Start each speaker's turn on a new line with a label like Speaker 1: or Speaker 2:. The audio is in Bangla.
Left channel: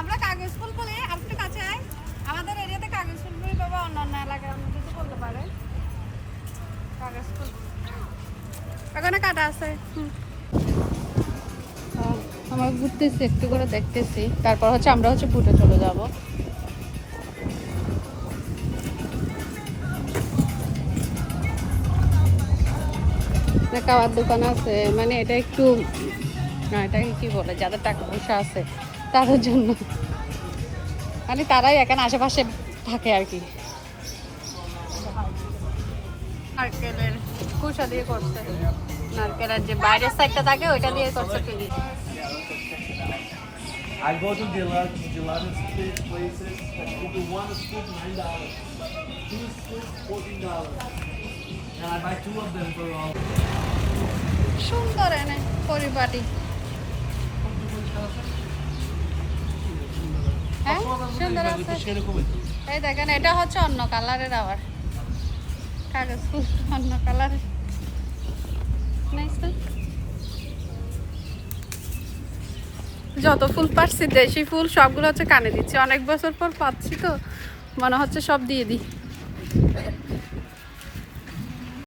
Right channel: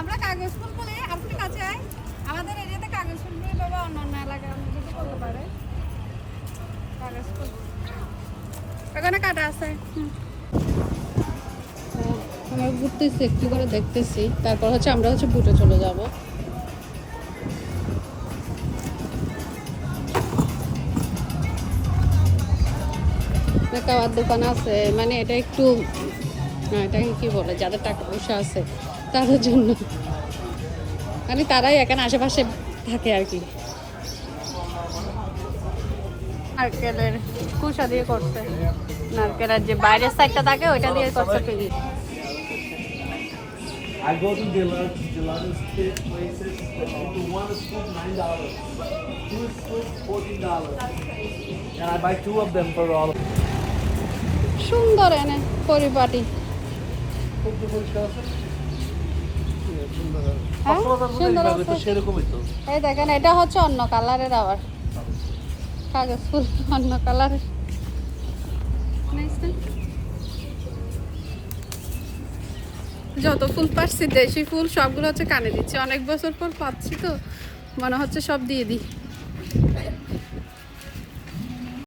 Speaker 1: আমরা কাগজ ফুল বলি আপনি কাছে আয়। আমাদের এরিয়াতে কাগজ ফুল বলি, বাবা অন্য অন্য এলাকায় অন্য কিছু বলতে পারে। কাগজ ফুল। ওখানে কাটা আছে। আমরা ঘুরতেছি, একটু করে দেখতেছি। তারপর হচ্ছে আমরা হচ্ছে বুটে চলে যাব। খাওয়ার দোকান আছে। মানে এটা একটু, না, এটাকে কি বলে? যাদের টাকা পয়সা আছে। তাদের জন্য মানে তারাই এখানে আশেপাশে থাকে আর কি নারকেলের কুসা দিয়ে করছে নারকেলের যে বাইরের সাইডটা থাকে ওইটা দিয়ে করছে ফেরি
Speaker 2: I go to gelato, gelato places. For one scoop, nine dollars. Two scoops, fourteen dollars. And I buy two of them for all.
Speaker 1: সুন্দর এনে পরিপাটি হ্যাঁ সুন্দর। আছে এই দেখেন এটা হচ্ছে অন্য কালারের আবার। কাগজ ফুল অন্য কালারের যত ফুল পাচ্ছি দেশি ফুল সবগুলো হচ্ছে কানে দিচ্ছি। অনেক বছর পর পাচ্ছি তো মনে হচ্ছে সব দিয়ে দিই।